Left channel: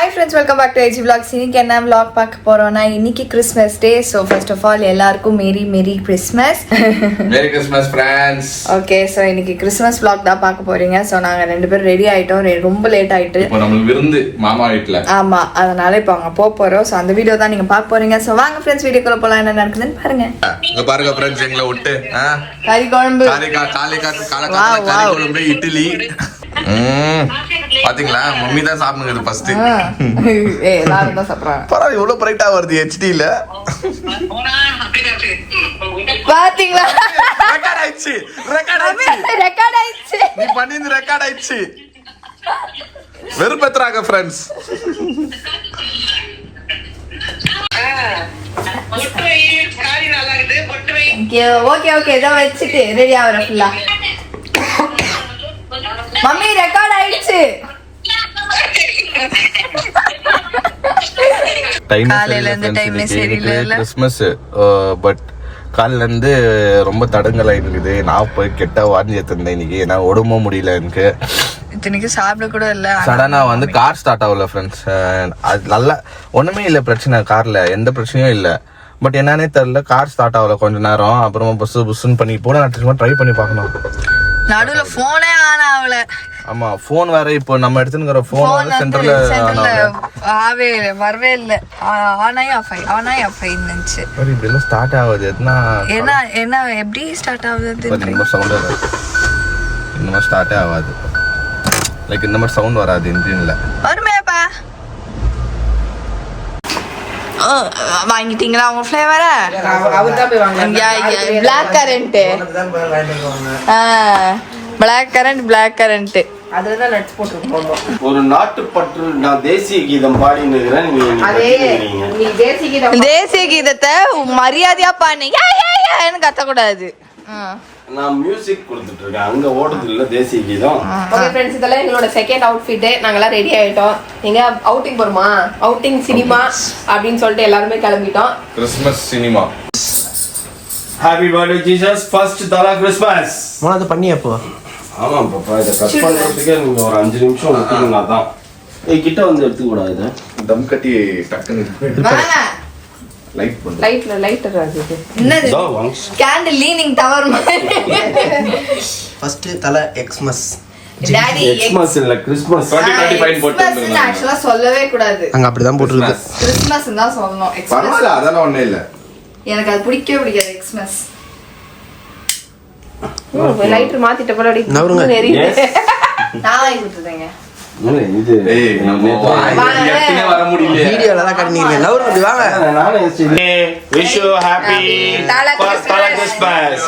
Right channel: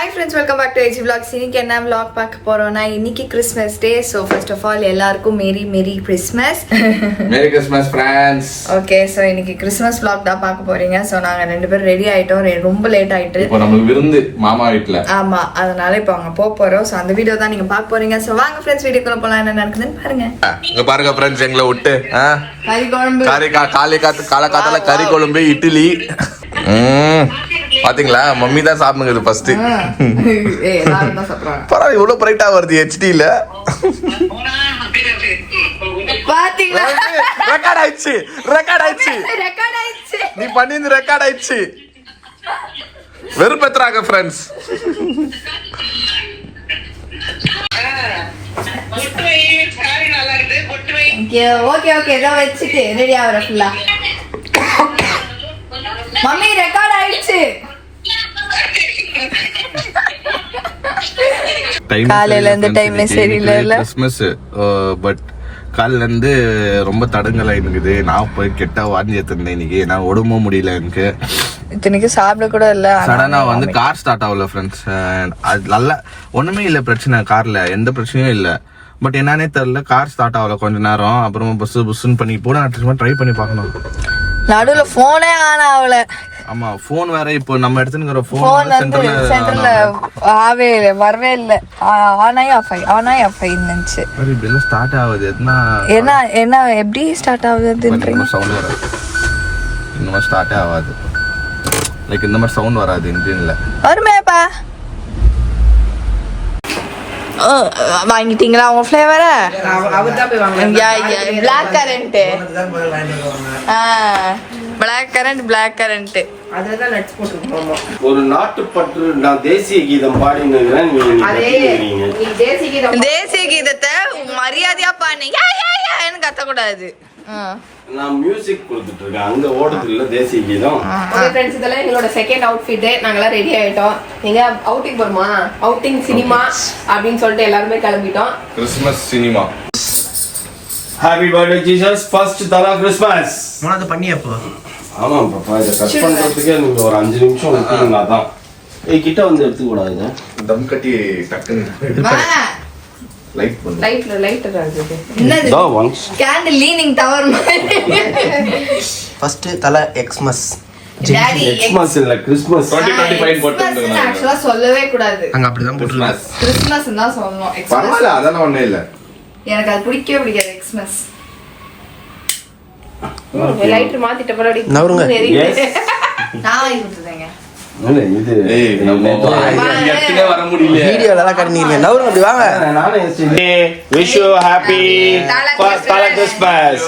Hi friends, welcome back to AG vlogs. இன்னைக்கு என்ன vlog பார்க்க போறோம்னா, இன்னைக்கு Christmas day. So first of all எல்லாருக்கும் merry Christmas. Merry Christmas friends. Okay, so இன்னைக்கு கிறிஸ்மஸ் vlog தான் பார்க்க போறீங்க. ஸோ நாங்க ரெண்டு பேரும் ரெடி ஆயிட்டோம். ரொம்ப லேட் ஆயிட்டு இப்போ நமக்கு விருந்து மாமா வீட்ல. ஆமா, அதனால இப்போ அங்க போறோம். ஸோ அந்த வீடியோ தான் நீங்க பார்க்க போறீங்க. ஸோ வாங்க ஃப்ரெண்ட்ஸ், வீடியோக்குள்ள போலாம். என்ன நடக்குதுன்னு பாருங்க. இங்க பாருங்க ஃப்ரெண்ட்ஸ், எங்களை விட்டு கறி குழம்பு, காலக்காலத்துல கறி குழம்பு, இட்லி. பாத்தீங்களா, மம்மி தான் சாப்பிடுங்க ஃபர்ஸ்ட். பரவாயில்ல, இவ்வளவு பிரைட்டா வருது ஹெச்டில. பாத்தீங்களா, ரெக்கார்ட் ஆயிடுச்சு. நீ பண்ணிருந்து ரெக்கார்ட் ஆயிடுச்சு. வெறுப்பேத்துறாங்க ஃப்ரெண்ட்ஸ். ஓகே இதை வச்சுட்டு ரெடி ஆகிற ஃபுல்லா. மம்மி ரெக்கார்ட் ஆயிடுச்சு. காலையில இருந்து டைம்ல சரியில்லை. கிறிஸ்மஸ் பட் காலையில இருந்து ரொம்ப தடங்கலா இருக்குது. நான் போய் கெட்ட வாங்கி எடுத்திருந்தேன் இன்னைக்கு. நான் உடம்ப முடியல எனக்கு. இத்தனைக்கு சாப்பிட கூட இல்ல. சடனா வந்து கார் ஸ்டார்ட் ஆகல ஃப்ரெண்ட்ஸ். அது நல்லா ஒண்ணுமே இல்ல பிரச்சனை, கார்ல எந்த பிரச்சனையும் இல்ல. பட் என்னன்னே தெரியல, கார் ஸ்டார்ட் ஆகல கொஞ்ச நேரம். அப்புறமா புஸ்ன்னு பண்ணி போட ட்ரை பண்ணி பார்க்கணும். நடுவுல போனே ஆன் ஆகல. ஆமா, போன் வேற இப்போ நம்ம எடுத்துக்கிற போன் சென்டர்ல வரவே இல்ல. ஆனாய் ஆஃப் இருந்துச்சு. இப்படி ஸ்டார்ட் ஆகுது. என்ன எப்படி ஸ்டார்ட் ஆகுது? சவுண்ட் வராது. இந்த மாதிரி ஸ்டார்ட்டே ஆகாது. லைக் இந்த மாதிரி சவுண்ட் வராது இன்ஜின்ல. வருமேப்பா. வாங்கிட்டீங்களா உங்க ஃபிளேவர? Black currant. பிளாக் கரண்ட் அதுலதான் நட்ஸ் போட்டுருக்கோம். ஒரு நாட்டுப்பற்று. நான் தேசிய கீதம் பாடினுக்கிறேன். தேசிய கீதத்தை மரியாதையா பாடு. கத்தக்கூடாது. நான் மியூசிக் கொடுத்துட்டு இருக்கேன். அங்க ஓடுது இல்ல தேசிய கீதம். ஓகே फ्रेंड्स, இதெல்லாம் எங்களோட செகண்ட் அவுட்ஃபிட். நாங்க எல்லாம் ரெடி ஆயிட்டோம். எங்க அவுட்டிங் போறோமா, அவுட்டிங் சினிமா அப்படின்னு சொல்லிட்டு எல்லாருமே கிளம்பிட்டோம். Christmas cinema. Happy birthday Jesus. First தலா கிறிஸ்மஸ். மனது பண்ணியப்போ. ஆமா பாப்பா, இத கட் பண்றதுக்கே நீங்க ஒரு 5 நிமிஷம் விட்டுருந்தா தான். கிட்ட வந்து எடுத்து கூடாது. இத தம் கட்டி டக்குன்னு லைட் பண்ணு. லைட்டர் அது என்னது? தோ ஒன்ஸ் கேண்டில் லீனிங் டவர் மாதிரி. ஃபர்ஸ்ட் தல எக்ஸ்மஸ். டாடி எக்ஸ்மஸ் இல்ல கிறிஸ்மஸ். 2025 போட்டு ஆக்சுவலா சொல்லவே கூடாது. அங்க அப்படிதான் போட்டுருக்கு. கிறிஸ்மஸ் தான் சொல்லணும். பரவாயில்ல, அதெல்லாம் ஒண்ணும் இல்ல. எனக்கு அது பிடிக்கவே எக்ஸ்மஸ். லைட்டர் மாத்திட்ட போல அடி நவருங்க. நான் விட்டுறேங்க. இல்ல இது ஏய், நம்ம எடுத்துனே வர முடியல. வீடியோல எல்லாம் கட்டினீங்க. நவருங்க, அப்படி வாங்க. நானே Wish you happy first Christmas.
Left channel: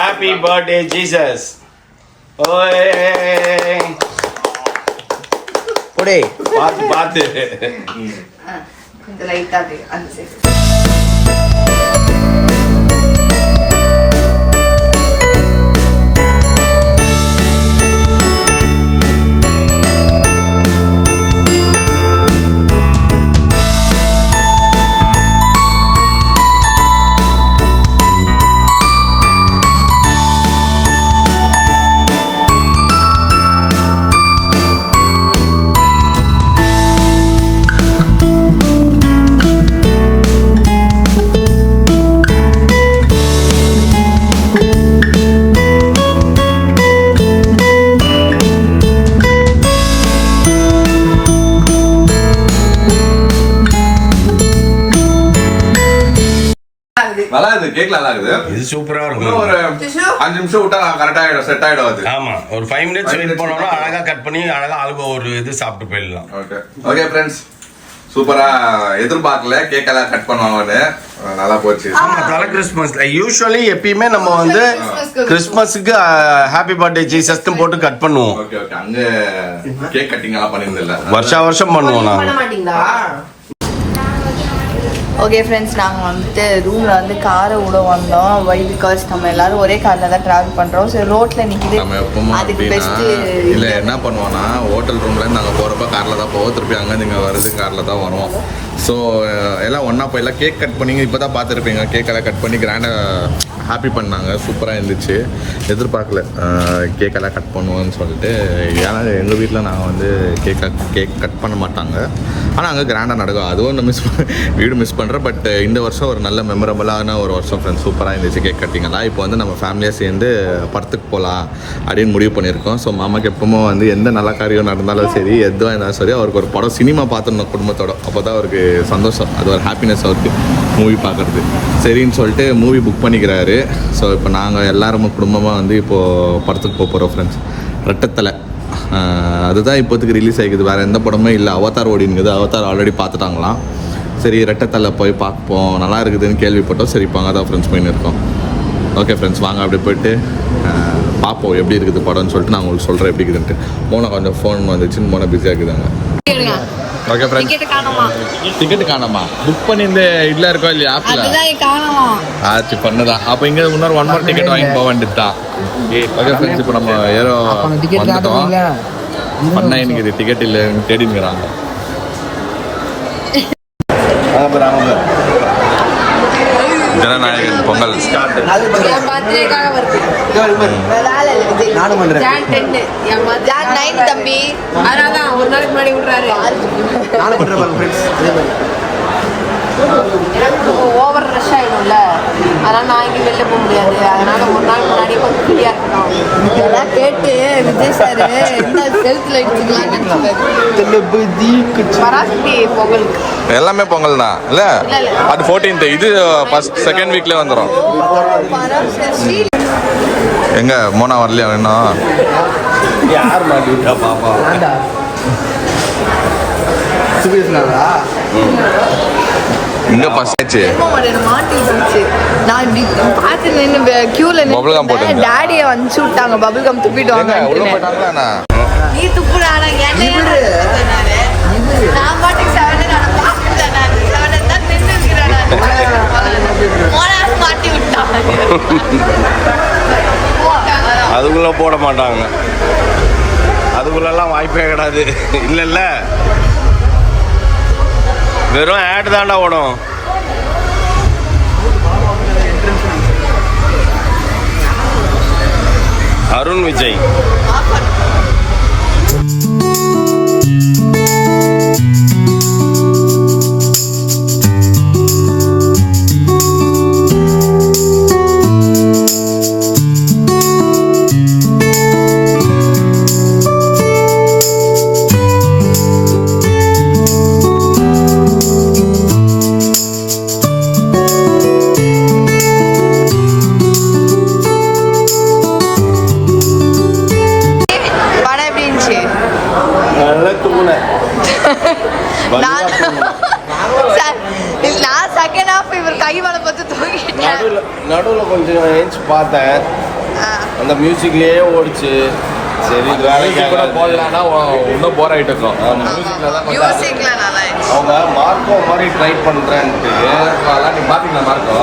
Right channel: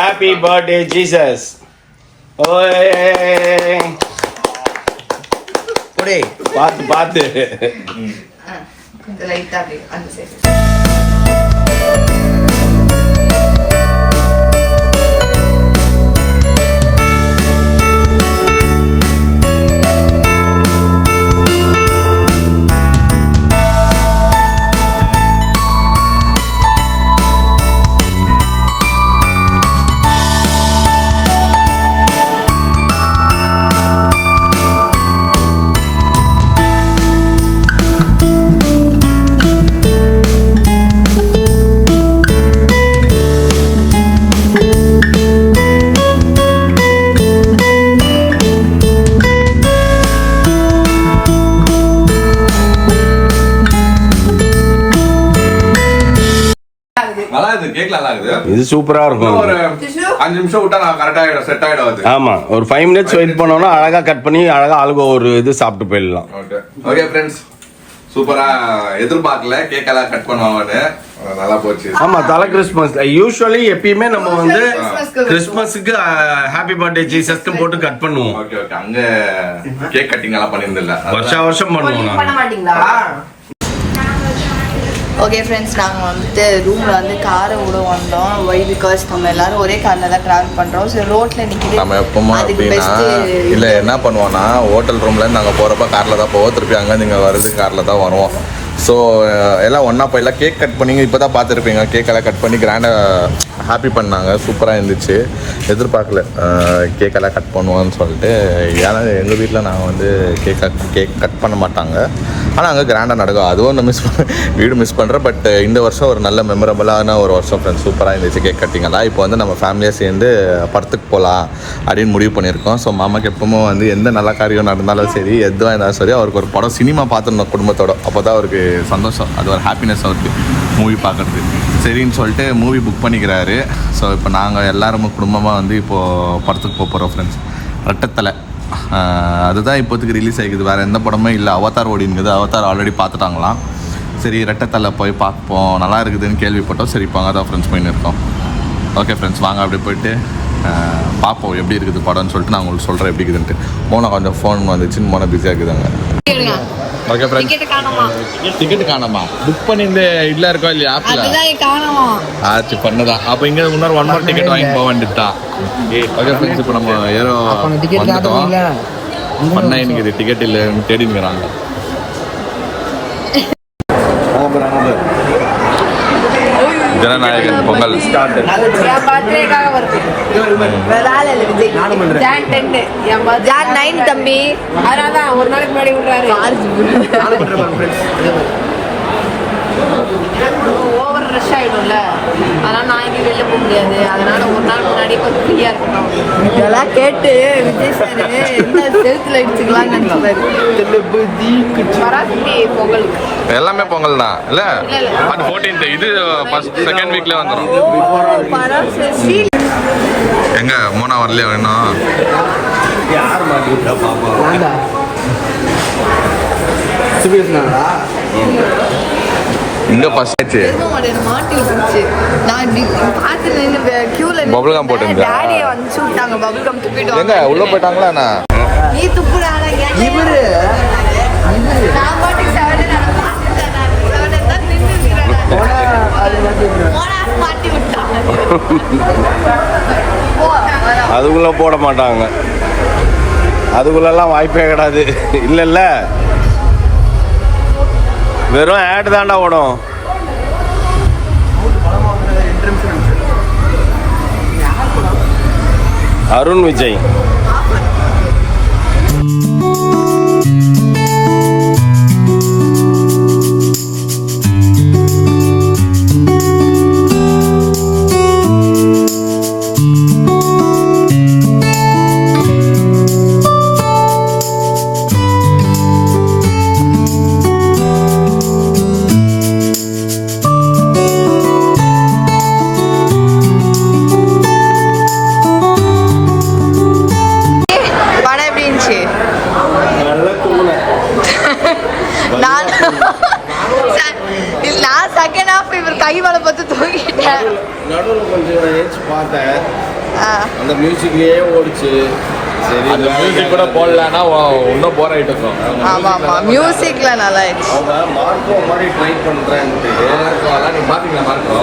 Happy birthday, Jesus. போடே. பாத்து. இந்த லைட்டா அப்படியே அந்த சைடு. நல்லா இருக்குது, கேக் நல்லா இருக்குது. இது சூப்பரா இருக்கும். ஒரு 5 நிமிஷம் விட்டா நான் கரெக்டா ஆயிடும், செட் ஆயிடும் அது. ஆமா, ஒரு 5 மினிட்ஸ் வெயிட் பண்ணோம்னா அழகா கட் பண்ணி அழகா ஆளுக்கு ஒரு இது சாப்பிட்டு போயிடலாம். ஓகே ஃப்ரெண்ட்ஸ், சூப்பரா. எதிர்பார்க்கல கேக் எல்லாம் கட் பண்ணுவாங்கன்னு. நல்லா போச்சு. ஆமா, தல கிறிஸ்மஸ் யூசுவலி எப்பயுமே நம்ம வந்து கிறிஸ்மஸ்க்கு ஹாப்பி பர்த்டே ஜீசஸ்க்கு போட்டு கட் பண்ணுவோம். ஓகே அங்க கேக் கட்டிங் எல்லாம் பண்ணிருந்தில்ல, வருஷம் பண்ணுவோம். பண்ண மாட்டீங்களா? ஓகே ஃப்ரெண்ட்ஸ், நாங்கள் வந்துட்டு ரூமில் வந்து காரை விட வந்தோம். வை பிகாஸ் நம்ம எல்லாரும் ஒரே காரில் தான் ட்ராவல் பண்ணுறோம். சரி, ரோட்டில் நிற்கிது. நம்ம எப்போமா அப்படின்னா இல்லை என்ன பண்ணுவோன்னா, ஹோட்டல் ரூம்லேருந்து நாங்கள் போகிறப்ப காரில் தான் போவோம். திருப்பி அங்கேருந்து இங்கே வர்றது காரில் தான் வருவோம். ஸோ எல்லாம் ஒன்றா போயிடலாம். கேக் கட் பண்ணிங்க இப்போ தான் பார்த்துருப்பீங்க. கேக்கெல்லாம் கட் பண்ணி கிராண்டாக ஹாப்பி பண்ணாங்க. சூப்பராக இருந்துச்சு. எதிர்பார்க்கல கேக்கெல்லாம் கட் பண்ணுவோன்னு சொல்லிட்டு. ஏன்னா எங்கள் வீட்டில் நாங்கள் வந்து கேக் கட் பண்ண மாட்டாங்க. ஆனால் அங்கே கிராண்டாக நடக்கும். அதுவும் நான் வீடு மிஸ் பண்ணுறேன். பட் இந்த வருஷம் ஒரு நல்ல மெமரபுளான ஒரு வருஷம் ஃப்ரெண்ட்ஸ். சூப்பராக இருந்துச்சு கேக் கட்டிங்கெல்லாம். இப்போ வந்து நம்ம ஃபேமிலியாக சேர்ந்து படத்துக்கு போகலாம் அப்படின்னு முடிவு பண்ணியிருக்கோம். ஸோ மாமாக்கு எப்பவும் வந்து எந்த நல்ல காரியம் நடந்தாலும் சரி, எதுவாக இருந்தாலும் சரி, அவருக்கு ஒரு படம் சினிமா பார்த்துருந்தோம் குடும்பத்தோட. அப்போ தான் அவருக்கு சந்தோஷம், அது ஒரு ஹாப்பினஸ் அவருக்கு மூவி பார்க்குறது. சரின்னு சொல்லிட்டு மூவி புக் பண்ணிக்கிறாரு. ஸோ இப்போ நாங்கள் எல்லாரும் குடும்பமாக வந்து இப்போது படத்துக்கு போகிறோம் ஃப்ரெண்ட்ஸ். ரெட்டத்தலை அதுதான் இப்போதைக்கு ரிலீஸ் ஆகிக்குது. வேறு எந்த படமே இல்லை. அவதார் ஓடினுக்குது. அவதார் ஆல்ரெடி பார்த்துட்டாங்களாம். சரி ரெட்டத்தலை போய் பார்ப்போம், நல்லா இருக்குதுன்னு கேள்விப்பட்டோம். சரி இப்போ அங்கே தான் ஃப்ரெண்ட்ஸ் போயின்னு இருக்கோம். ஓகே ஃப்ரெண்ட்ஸ், வாங்க அப்படி போய்ட்டு பார்ப்போம் எப்படி இருக்குது படம்னு சொல்லிட்டு நான் உங்களுக்கு சொல்கிறேன் எப்படி இருக்குதுன்ட்டு. மோனை கொஞ்சம் ஃபோன் வந்துச்சுன்னு மோனை பிஸியாக இருக்குதாங்க. ஓகே ஃப்ரெண்ட்ஸ், டிக்கெட் காணாமா? புக் பண்ணிட்டு இல்லை இருக்கோ இல்லையா ஆப்பில்? ஆச்சு பண்ணதான். அப்போ இங்கே இன்னொரு 1 more டிக்கெட் வாங்கி போக வேண்டியதுதான். ஓகே ஃப்ரெண்ட்ஸ், இப்போ நம்ம ஏறோ வந்துட்டோம். பண்ணா எனக்கு இது டிக்கெட் இல்லை தேடினுங்கிறாங்க. ஜனநாயகன் பொங்கல் தம்பி, அதனாலதான் ஒரு நாளைக்கு முன்னாடி விடுறாரு. ஓவர் ரஷ் ஆயிடும்ல, அதனால நான் இங்கே வெளில போக முடியாது. அதனால ஒரு நாள் முன்னாடி கொஞ்சம் ஃப்ரீயா இருக்கணும். இதெல்லாம் கேட்டு விஜய் சார் என்ன செலுத்துல அடிச்சுக்கலாம்னு நினைச்சுப்பாரு. பொங்கலுக்கு எல்லாமே பொங்கல் தான் இல்லை? அது 14th, இது ஃபர்ஸ்ட் செகண்ட் வீக்ல வந்துடும். எங்க மோனா வரலையா இன்னும்? யார் மாட்டி விட்டா பாப்பா? இங்க ஃபர்ஸ்ட் ஆச்சு. மாட்டு இருந்துச்சு. நான் பார்த்து நின்று கியூல Bubble gum போட்டுருந்தா? டாடியை வந்து விட்டாங்க. பபிள் கம் துப்பிட்டு எங்க உள்ள போயிட்டாங்களா என்ன? நீ துப்புறாடா நான் பாட்டுக்கு 7 நான் பார்த்துட்டேன். நான் 7 தான் நின்று மாட்டி விட்டான். அதுக்குள்ள போட மாட்டாங்க. அதுக்குள்ளெல்லாம் வாய்ப்பே கிடையாது. இல்லைல்ல, வெறும் ஆட் தாண்டா ஓடும். அருண் விஜய் நான் செகண்ட் ஹாஃப் இவர் கை வலை பார்த்து தூங்கிட்டேன். நடுவில் கொஞ்சம் ஏஞ்சி பார்த்தேன், அந்த மியூசிக்லயே ஓடிச்சு. சரி இது மியூசிக் கூட போடலன்னா இன்னும் போர் ஆகிட்டு இருக்கோம். மியூசிக்ல நல்லா இருந்துச்சு. மார்க்கோ மாதிரி ட்ரை பண்ணுறேன். மார்க்கோலாம் நீ பார்த்தீங்களா? மார்க்கோ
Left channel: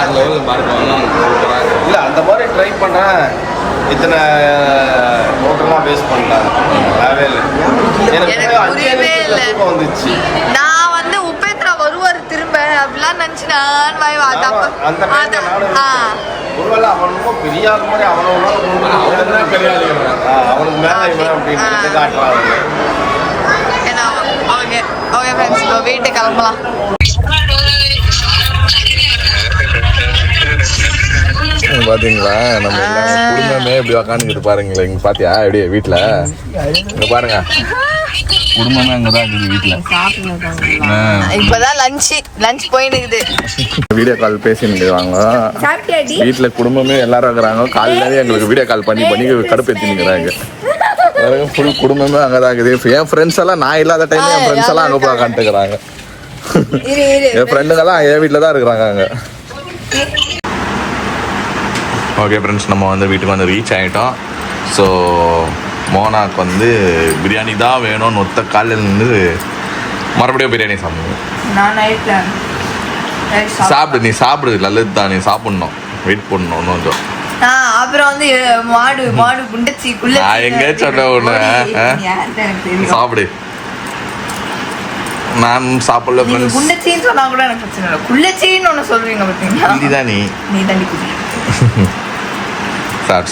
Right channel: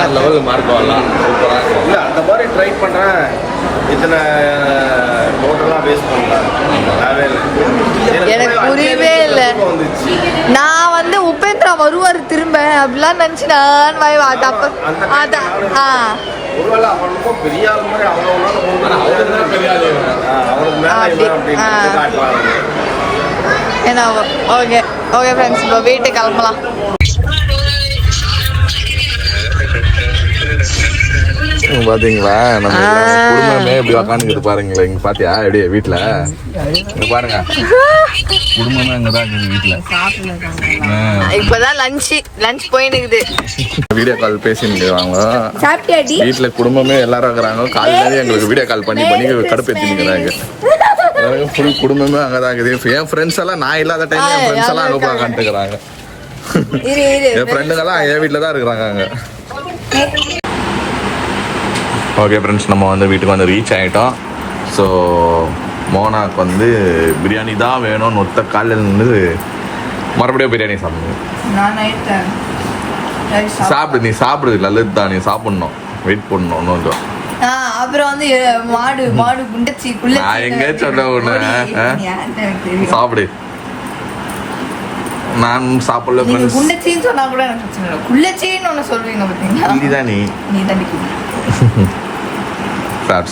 6 லெவல் மார்க்கோலாம் சூப்பராக இருக்கும். இல்லை அந்த மாதிரி ட்ரை பண்ணேன். இத்தனை டோட்டலாக பேஸ் பண்ணலாம். எனக்கு புரியவே இல்லை. நான் வந்து உபேந்திரா வருவார் திரும்ப அப்படிலாம் நினைச்சு நான் தப்பு. ஓகே ஓகே ஃப்ரெண்ட்ஸ், இப்போ வீட்டுக்கு கிளம்பலாம். பாத்தீங்களா நம்ம குடும்பமே இப்படி உக்காந்துக்கிட்டு பாருங்களேன். இங்க பாத்தியா எப்படியே வீட்டுல இங்க பாருங்க, குடும்பமே அங்கதான் இருக்குது வீட்டுல. இப்பதான் லஞ்ச் போயினுக்குது. வீடியோ கால் பேசினுக்குறாங்க வீட்டுல. குடும்பமே எல்லாரும் இருக்கிறாங்க. காலையில எங்களுக்கு வீடியோ கால் பண்ணி கடுப்பேத்தினுக்குறாங்க. ஃபுல் குடும்பமே அங்கதான் இருக்குது. என் ஃப்ரெண்ட்ஸ் எல்லாம் நான் இல்லாத டைம் என் ஃப்ரெண்ட்ஸ் எல்லாம் அங்க போய் உட்காந்துக்கிறாங்க. என் ஃப்ரெண்டுங்கெல்லாம் என் வீட்டுல தான் இருக்கிறாங்க அங்க. ஓகே ஃப்ரெண்ட்ஸ், நம்ம வந்து வீட்டுக்கு வந்து ரீச் ஆகிட்டோம். ஸோ மோனாக்கு வந்து பிரியாணி தான் வேணும்னு ஒத்த காலையில் இருந்து மறுபடியும் பிரியாணி சாப்பிடுவோம். சாப்பிடு, நீ சாப்பிடு, நல்லது தான். நீ சாப்பிட்ணும், வெயிட் பண்ணணும் இன்னும் கொஞ்சம். அப்புறம் வந்து மாடு குண்டச்சி நான் எங்க சொல்றேன் ஒண்ணு, சாப்பிடு. நான் சாப்பிடல. குண்டச்சின்னு சொன்னா கூட எனக்கு பிரச்சனை இல்லை. குள்ளச்சின்னு ஒன்று சொல்றீங்க பார்த்தீங்களா? நீதான் நீ தான்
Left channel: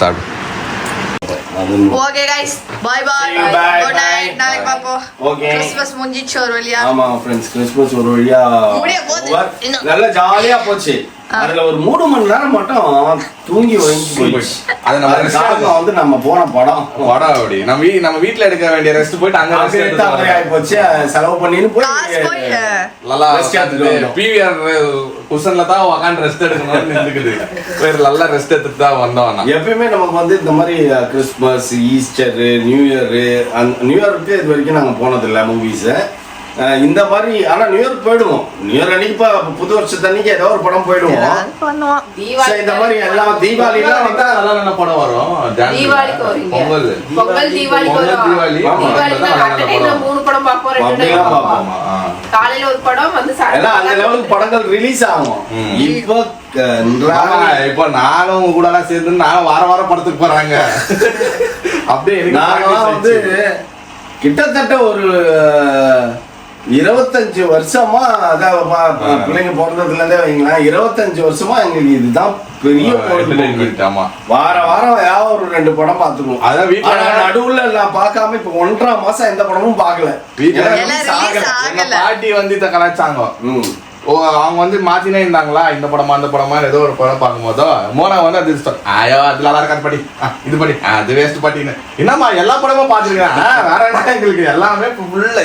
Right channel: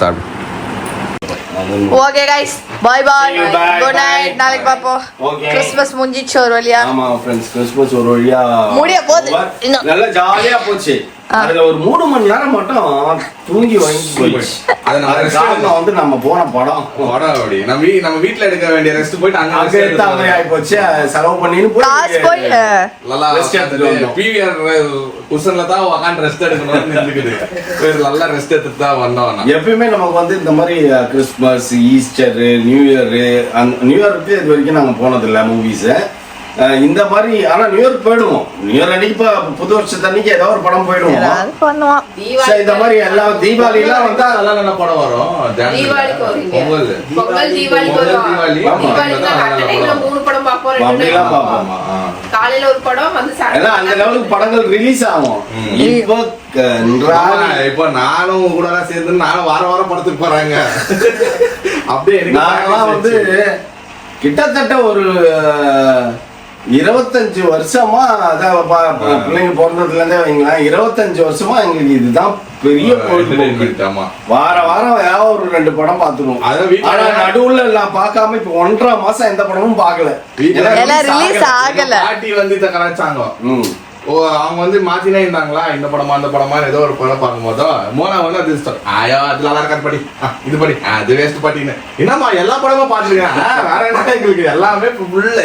okay guys, bye bye, See you, bye, good bye. Night. நாளைக்கு பாப்போம். Okay. கிறிஸ்மஸ் முடிஞ்சிச்சு ஒரு வழியா. ஆமா ஃப்ரெண்ட்ஸ், கிறிஸ்மஸ் ஒரு வழியா முடிய போகுது. இன்னும். நல்லா ஜாலியா போச்சு. அதுல ஒரு 3 மணி நேரம் மட்டும் தூங்கி வாங்கி போயிடுச்சு. அது நம்ம அது காரணம் வந்து நம்ம போன படம் அப்படி நம்ம வீட்ல எடுக்க வேண்டிய ரெஸ்ட் போயிட்டு அங்க அங்க எடுத்த மாதிரி ஆகி போச்சு. செலவு பண்ணின்னு காசு போய் நல்லா Rest எடுத்துட்டு வந்தோம். பிவிஆர் குஷன்ல தான் உட்காந்து ரெஸ்ட் எடுக்கணும்னு இருக்குது. வேற நல்லா ரெஸ்ட் எடுத்துட்டு தான் வந்தோம். எப்பயுமே நமக்கு வந்து இந்த மாதிரி Christmas, Easter, new year, new இயருக்கு இது வரைக்கும் நாங்க போனதில்லை மூவிஸ். இந்த மாதிரி ஆனா நியூ இயர் போயிடுவோம். நியூ இயர் அன்னைக்கு இப்ப புது வருஷத்தன்னைக்கு ஏதோ ஒரு படம் போயிடுவோம். ஏதாவது பண்ணுவோம். So, இந்த மாதிரி எல்லாம் தீபாவளி எல்லாம் வந்தா அதெல்லாம் என்ன படம் வரும்? தீபாவளிக்கு வருவீங்க. பொங்கல். பொங்கல் தீபாவளிக்கு வருவோம். தீபாவளி. தீபாவளிக்கு நான் at a time நான் 3 படம் பார்ப்போம், 2 அப்படிலாம் time பார்ப்போம். பார்ப்போம். காலையில ஒரு படம் வந்து ஏன்னா அந்த லெவலுக்கு படங்கள் ரிலீஸ் ஆகும். இப்போ இப்ப நானும் உங்க கூட எல்லாம் சேர்ந்து நானும் வாரம் படத்துக்கு போறாங்க. அப்படியே நாங்கெல்லாம் வந்து கிட்டத்தட்ட ஒரு 25 வருஷமா, அதான் பிள்ளைங்க பிறந்ததுல இருந்தே வைங்களேன், 25 வருஷமா எங்களுக்கு இதுதான் பெரிய பொழுதுபோக்கு. ஆமா, வாரம் ஏதாவது ஒரு 2 படம் பாத்துருவோம். அதான் வீட்டுல ஆனா நடுவுல நான் பார்க்காம இப்ப 1.5 மாசம் எந்த படமும் பார்க்கல. எல்லாம் release ஆகல. பாட்டி வந்து இத கலாச்சாங்க. ம். அவங்க வந்து மாத்தினே இருந்தாங்களா, இந்த படமா அந்த படமா ஏதோ ஒரு படம் பார்க்கும் போதோ மோனா வந்து அது இஷ்டம். ஐயோ அது நல்லா இருக்காது படி, இது படி, அது வேஸ்ட் பாட்டின்னு. என்னம்மா எல்லா படமும் பாத்துருக்கேன், வேற என்ன எங்களுக்கு எல்லாமே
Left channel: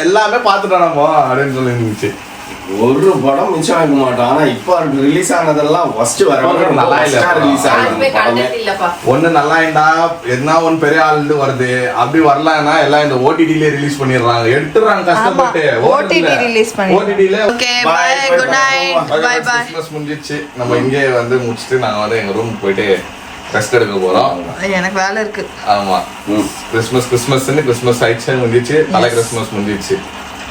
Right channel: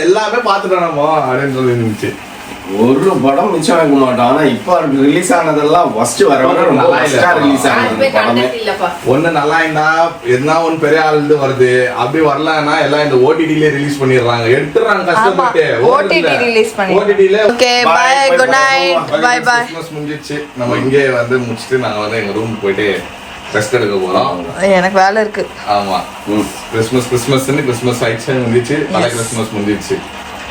எல்லாமே பாத்துட்டோம் நம்ம அப்படின்னு சொல்லி இருந்துச்சு. ஒரு படம் மிச்சம் வைக்க மாட்டோம். ஆனா இப்ப ரிலீஸ் ஆனதெல்லாம் ஃபர்ஸ்ட் நல்லா இல்ல. ரிலீஸ் யாருமே ஆனது படமே. கண்டென்ட் இல்லப்பா. ஒண்ணு நல்லா இருந்தா எதுனா ஒன்னு பெரிய ஆளுந்து வருது, அப்படி வரலன்னா எல்லாம் இந்த ஓடிடில ரிலீஸ் பண்ணிடுறாங்க, எடுத்துறாங்க கஷ்டப்பட்டு. OTT release பண்ணி. ஓடிடில. Okay bye, good night. Bye bye. Christmas முடிஞ்சிச்சு. நம்ம இங்கே வந்து முடிச்சிட்டு நாங்க வந்து எங்க ரூம் போயிட்டு ரெஸ்ட் எடுக்க போறோம். எனக்கு வேலை இருக்கு. ஆமா, கிறிஸ்மஸ் ஆயிடுச்சு, முடிஞ்சிச்சு. பல கிறிஸ்மஸ் முடிஞ்சிச்சு.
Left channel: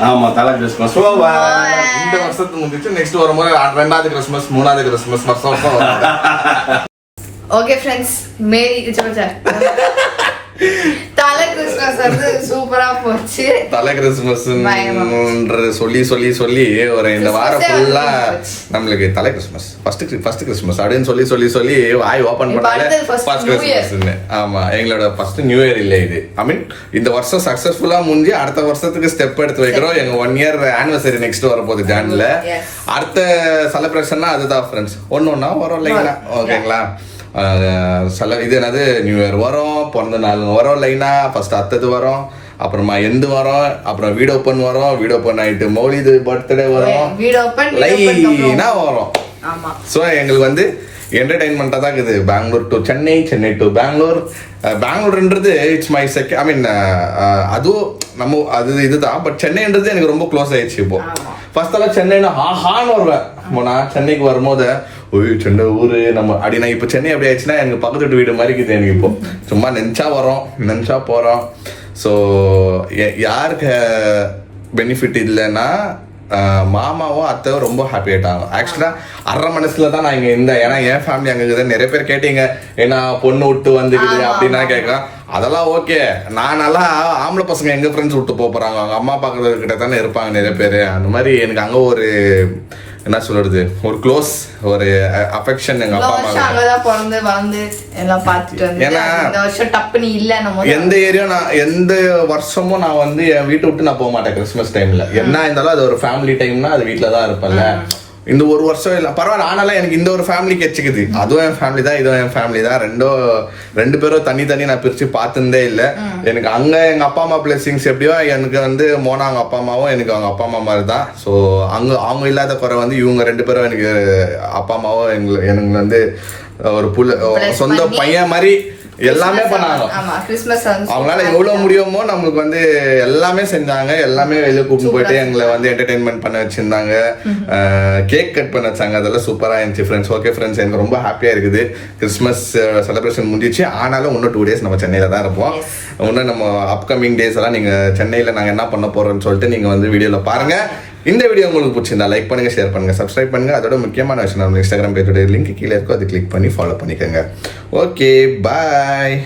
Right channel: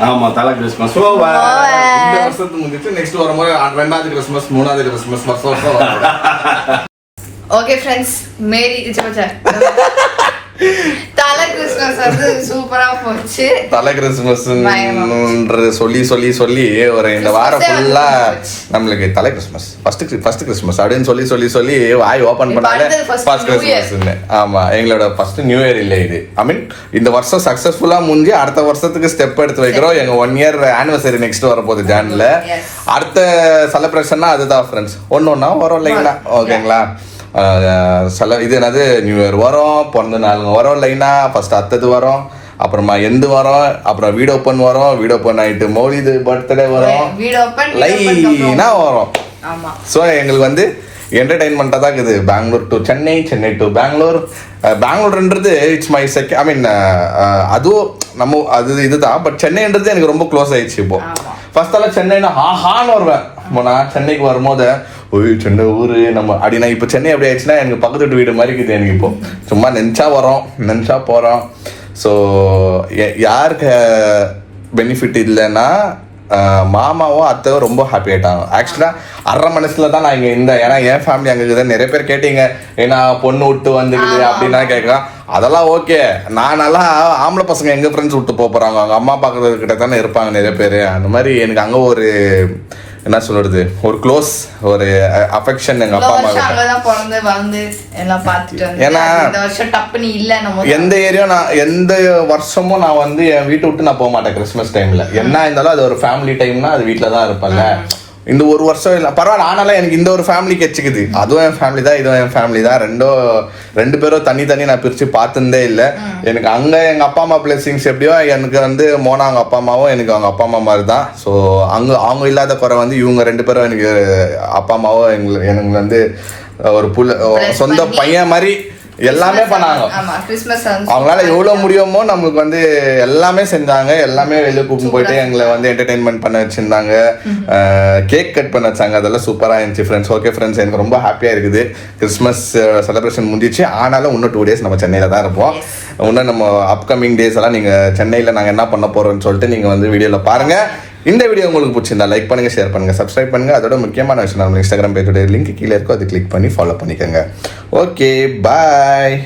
ஆமா, தலை கிறிஸ்மஸ் இந்த வருஷத்துக்கு முடிஞ்சிச்சு. நெக்ஸ்ட் வரும்போது 2வது கிறிஸ்மஸ், 3வது கிறிஸ்மஸ் வருஷம் வரும். ஓகே ஃப்ரெண்ட்ஸ், மேரி தலை கிறிஸ்மஸ் வந்து சூப்பரா போச்சு. தலை கிறிஸ்மஸ் சொல்லி ஒரு இந்த வாரம் ஃபுல்லா நம்மளுக்கு தலை கிறிஸ்மஸ் ஃபர்ஸ்ட் கிறிஸ்மஸ் அப்படின்னு சொல்லி வாய் ஓபன் பண்ணாலே ஃபர்ஸ்ட் கிறிஸ்மஸ். ஆமா, எங்களோட ஃபர்ஸ்ட் நியூ இயர் இல்ல இது. ஐ மீன் இந்த வருஷம் சக்சஸ்ஃபுல்லா முடிஞ்சு அடுத்த வருஷத்துக்கு ஸ்டெப் எடுத்து வைக்கிறோம். எங்க 1 இயர் ஆனிவர்சரி நெக்ஸ்ட் வரப்போகுது ஜான்ல. அடுத்த செலிப்ரேஷன்னா அதுதான் ஃப்ரெண்ட்ஸ். ஒன்னொன்னா வரும் லைனா. ஓகேங்களா? இது என்னது, நியூ இயர் வரும், பிறந்த நாளுங்க வரும் லைனா. ஃபர்ஸ்ட் அத்தது வரும், அப்புறமா எந்து வரும், அப்புறம் வீடு ஓப்பன் வரும், வீடு ஓப்பன் ஆயிட்டு மௌலிது பர்த்டே வரும், லைனா வரும். ஸோ எங்களுக்கு வந்து என்டர்டைன்மெண்ட்டாக தான் இருக்குது. பெங்களூர் டு சென்னை, சென்னை டு பெங்களூர்ன்றது இட்ஸ் மை ஐ மீன் அதுவும் நம்ம இதுதான். பட் சென்னைன்றது எனக்கு ரொம்ப க்ளோஸ் ஆயிடுச்சு இப்போ. ஃபர்ஸ்ட் எல்லாம் சென்னைனா ஹான்னு வருவேன். நான் சென்னைக்கு வரும்போது சென்னை ஊரு நம்ம அப்படின்னா, இப்போ சென்னை அப்படி ஆயிடுச்சுன்னா எனக்கு பக்கத்து வீட்டு வீடு மாதிரி இருக்குது எனக்கு இப்போ. சும்மா நினச்சா வரோம், நினச்சா போகிறோம். ஸோ யாருக்கு பெனிஃபிட் இல்லைன்னா மாமாவும் அத்தையும் ரொம்ப ஹாப்பி ஆயிட்டாங்க. ஆக்சுவலா 1/2 மனசுல தான் நான் இங்க இருந்தேன். ஏன்னா என் ஃபேமிலி அங்க இருக்குது. நிறைய பேர் கேட்டீங்க, ஏன்னா பொண்ணு விட்டு வந்துக்குது அப்படின்னா கேட்கலாம். அதெல்லாம் ஓகே. நான் நல்லா ஆம்பளை பசங்க எங்க ஃப்ரெண்ட்ஸ் விட்டு போறாங்க, அவங்க அம்மா அப்பா கிட்ட தானே இருப்பாங்க நிறைய பேர். அந்த மாதிரி எனக்கு அங்க ஒரு என்ன சொல்றது, ஒரு க்ளோஸ் ஒரு அஃபெக்ஷன் எங்க அப்பா அம்மா. ஏன்னா எந்த ஏரியா நான் எந்த வருஷமும் நான் வந்து என் வீட்டை விட்டு நான் போக மாட்டேன் கிறிஸ்மஸ் டைம்ல. என்ன இருந்தாலும் அது ஒரு ஃபேமிலி டைம்னா அது வீட்டில தான் இருப்பேன்ல. இந்த ஒரு வருஷம் இல்லை பரவாயில்ல, ஆனாலும் எனக்கு இந்த ஒரு ஃபேமிலி கெச்சுக்குது. அதுவும் என் ஃபேமிலி தான், இதுவும் என் ஃபேமிலி தான். ரெண்டு பேரும் தனி நான் பிரிச்சு பார்த்துருந்தே இல்லை. எனக்கு அங்க எங்க அப்பா அம்மா பிளெஸிங்ஸ் எப்படியோ, எனக்கு வந்து மோனா அவங்க அப்பா அம்மாவும் எனக்கு அவங்க அப்பா அம்மா மாதிரி தான். ஸோ அவங்க இல்லாத குறை வந்து இவங்க 2 பேரும் எனக்கு அப்பா அம்மாவும் எனக்கு வந்து ஒரு சொந்த பையன் மாதிரி எல்லாமே பண்ணாங்க. அவங்களால எவ்வளவு முடியுமோ நம்மளுக்கு வந்து எல்லாமே செஞ்சாங்க. எல்லாமே வெளியே கூப்பிட்டு போயிட்டு எங்களை வந்து என்டர்டைன்மெண்ட் பண்ண வச்சிருந்தாங்க. கேக் கட் பண்ண வச்சாங்க. அதெல்லாம் சூப்பரா இருந்துச்சு ஃப்ரெண்ட்ஸ். ஓகே ஃப்ரெண்ட்ஸ், எனக்கு ரொம்ப ஹாப்பியா இருக்குது. கிறிஸ்மஸ் செலிப்ரேஷன் முடிஞ்சிச்சு. ஆனாலும் இன்னும் 2 days நம்ம சென்னையில தான் இருப்போம். இன்னும் நம்ம அப்கமிங் டேஸ் எல்லாம் நீங்க சென்னையில நாங்க என்ன பண்ண போறோம்னு சொல்லிட்டு நீங்க வந்து வீடியோல பாருங்க. இந்த வீடியோ உங்களுக்கு பிடிச்சிருந்தா லைக் பண்ணுங்க, ஷேர் பண்ணுங்க, சப்ஸ்கிரைப் பண்ணுங்க. அதோட முக்கியமான விஷயம், நம்ம இன்ஸ்டாகிராம் பேஜோட லிங்க் கீழே இருக்கும், அதை கிளிக் பண்ணி ஃபாலோ பண்ணிக்கோங்க. ஓகே, பாய்.